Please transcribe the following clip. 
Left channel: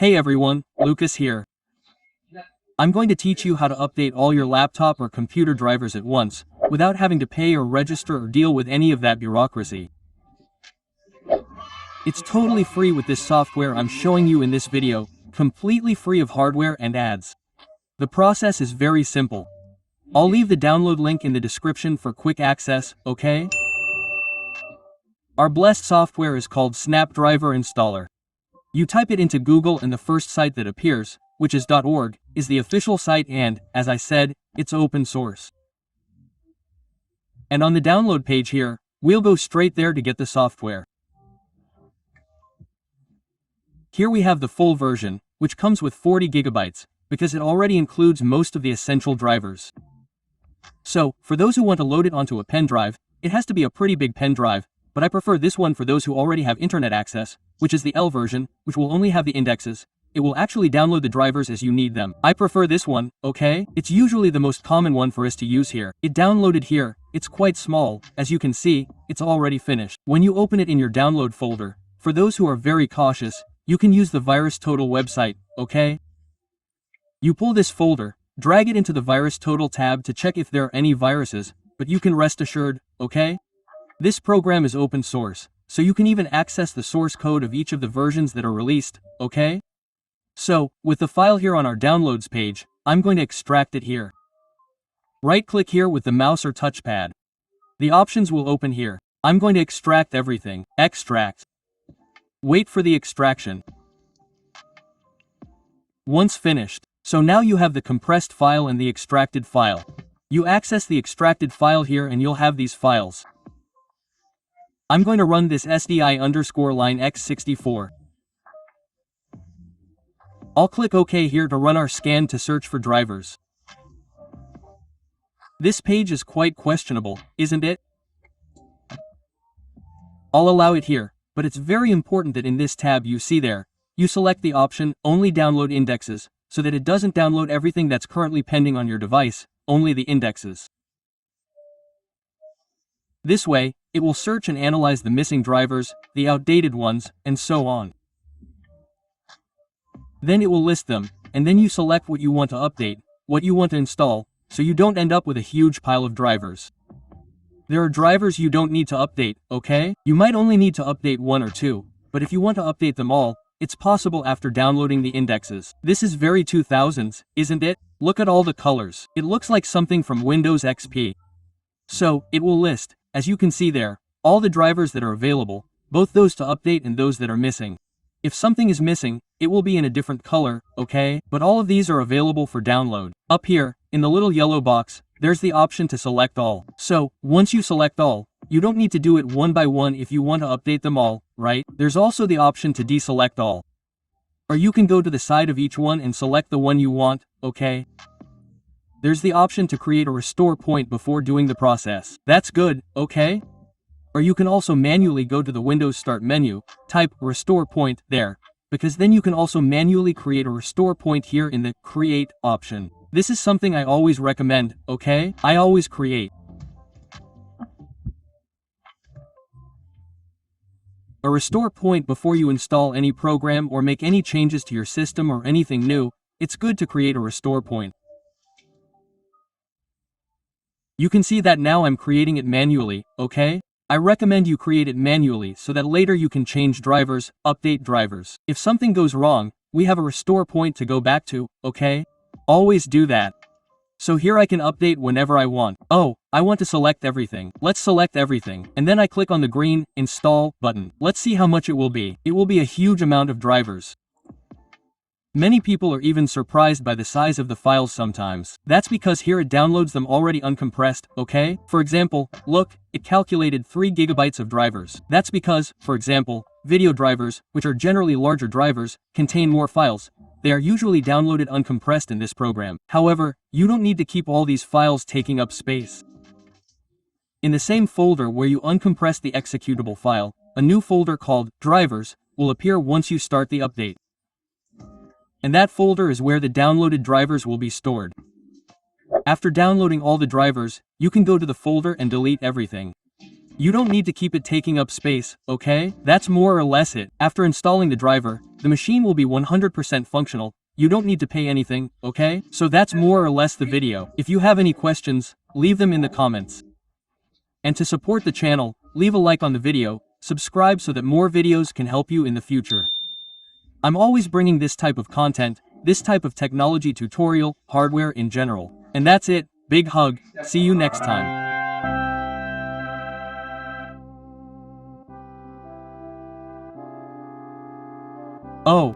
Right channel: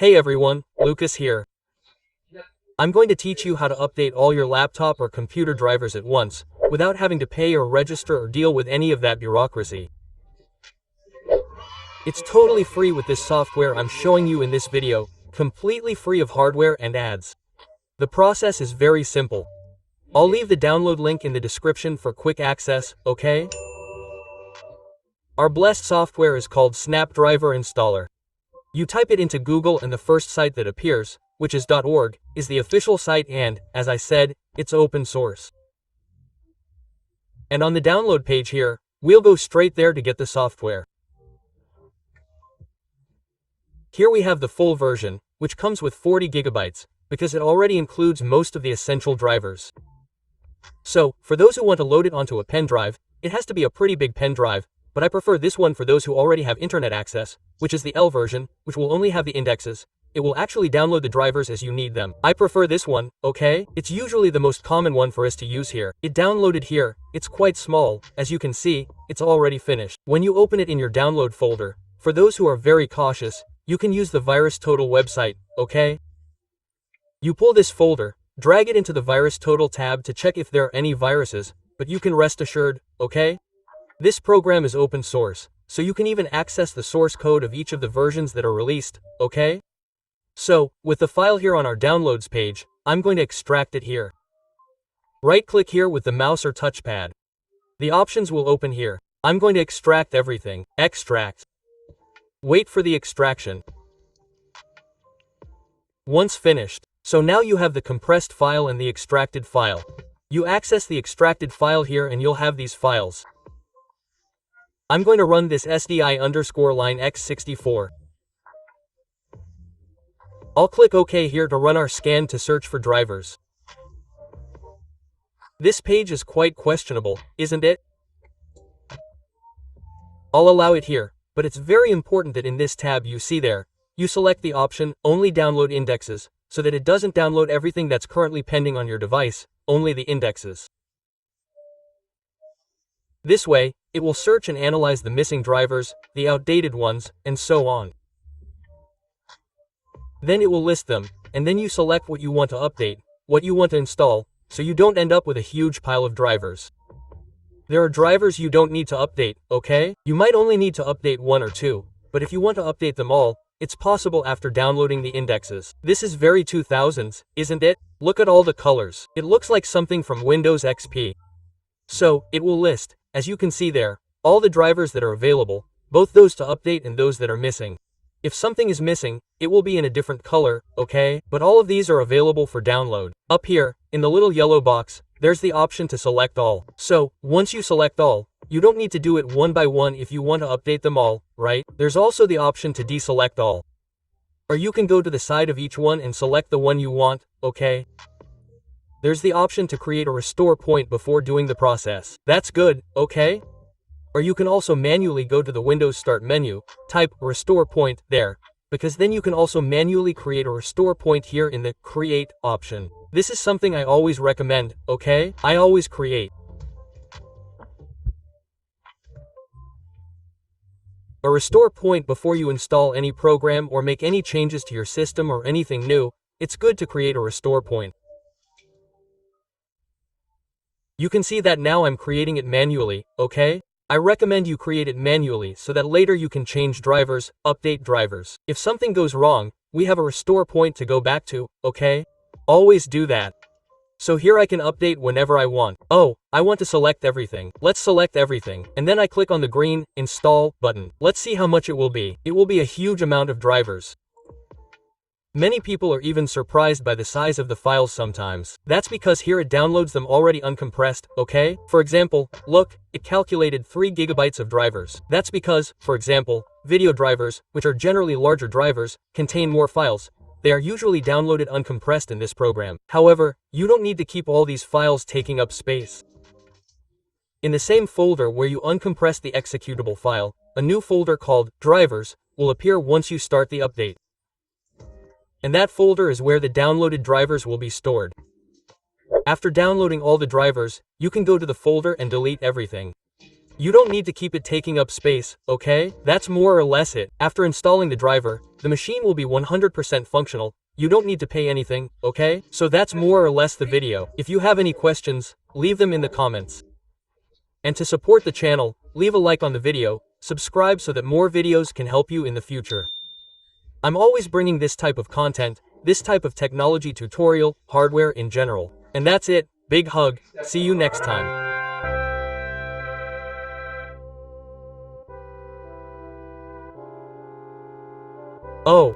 Hey everyone, Lucas here. I'm going to teach you how to update all your laptop or computer drivers at once, without having to pay or register or deal with any of that bureaucracy. It's totally free with this software I'm showing you in this video, completely free of hardware and ads. The process is very simple. I'll leave the download link in the description for quick access, okay? Our blessed software is called Snapdriver Installer. You type it into Google and the first site that appears, which is .org, is the official site and, as I said, it's open source. And on the download page here, we'll go straight there to get the software. Here we have the full version, which comes with 40 gigabytes, because it already includes most of the essential drivers. So, for those who want to load it onto a pen drive, it has to be a pretty big pen drive, but I prefer this one for those who already have internet access, which is the L version, which will only have the indexes. It will actually download the drivers as you need them. I prefer this one, okay? It's usually the most common one for us to use here. It downloaded here, it's quite small, as you can see, it's already finished. When you open it in your download folder, for those who are very cautious, you can use the VirusTotal website, okay? You pull this folder, drag it into the VirusTotal tab to check if there are any viruses, but you can rest assured, okay? This program is open source, so you can even access the source code of each of the versions that are released, okay? So, with the file here on our downloads page, I'm going to extract it here. Right-click here with the mouse or touchpad. The options will open here. I'm going to extract everything. Extract. Wait for the extraction. Once finished. So now you have the compressed file and the extracted file. You access the extracted file here and you'll have these files. I'm going to run this SDI_line X64. I'll click OK here to run our scan to search for drivers. This page is quite questionable, isn't it? I'll allow it here, but it's very important that in this tab you see there, you select the option Only Download Indexes, so that it doesn't download everything that's currently pending on your device, only the indexes. This way, it will search and analyze the missing drivers, the outdated ones, and so on. Then it will list them, and then you select what you want to update, what you want to install, so you don't end up with a huge pile of drivers. There are drivers you don't need to update, okay? You might only need to update one or two, but if you want to update them all, it's possible after downloading the indexes. This is very 2000s, isn't it? Look at all the colors. It looks like something from Windows XP. So, it will list, as you can see there, all the drivers that are available, both those to update and those that are missing. If something is missing, it will be in a different color, okay? But all of these are available for download. Up here, in the little yellow box, there's the option to select all. So, once you select all, you don't need to do it one by one if you want to update them all, right? There's also the option to deselect all. Or you can go to the side of each one and select the one you want, okay? There's the option to create a restore point before doing the process. That's good, okay? Or you can also manually go to the Windows Start menu, type restore point there, because then you can also manually create a restore point here in the create option. This is something I always recommend, okay? I always create a restore point before you install any program or make any changes to your system or anything new. It's good to create a restore point. You can see that now I'm creating it manually, okay? I recommend you create it manually so that later you can change drivers, update drivers. If something goes wrong, we have a restore point to go back to, okay? Always do that. So here I can update whenever I want. Oh, I want to select everything. Let's select everything. And then I click on the green, Install, button. Let's see how much it will be. It will be a huge amount of drivers. Many people are even surprised by the size of the files sometimes. That's because here it downloads them already uncompressed, okay? For example, look, it calculated 3 gigabytes of drivers. That's because, for example, video drivers, which are generally larger drivers, contain more files. They are usually downloaded uncompressed in this program. However, you don't need to keep all these files taking up space. In the same folder where you uncompress the executable file, a new folder called Drivers will appear once you start the update. And that folder is where the downloaded drivers will be stored. After downloading all the drivers, you can go to the folder and delete everything. You don't need to keep it taking up space, okay? That's more or less it. After installing the driver, the machine will be 100% functional. You don't need to pay anything, okay? So that's more or less the video. If you have any questions, leave them in the comments. And to support the channel, leave a like on the video, subscribe so that more videos can help you in the future. I'm always bringing this type of content, this type of technology tutorial, hardware in general. And that's it, big hug, see you next time. Oh.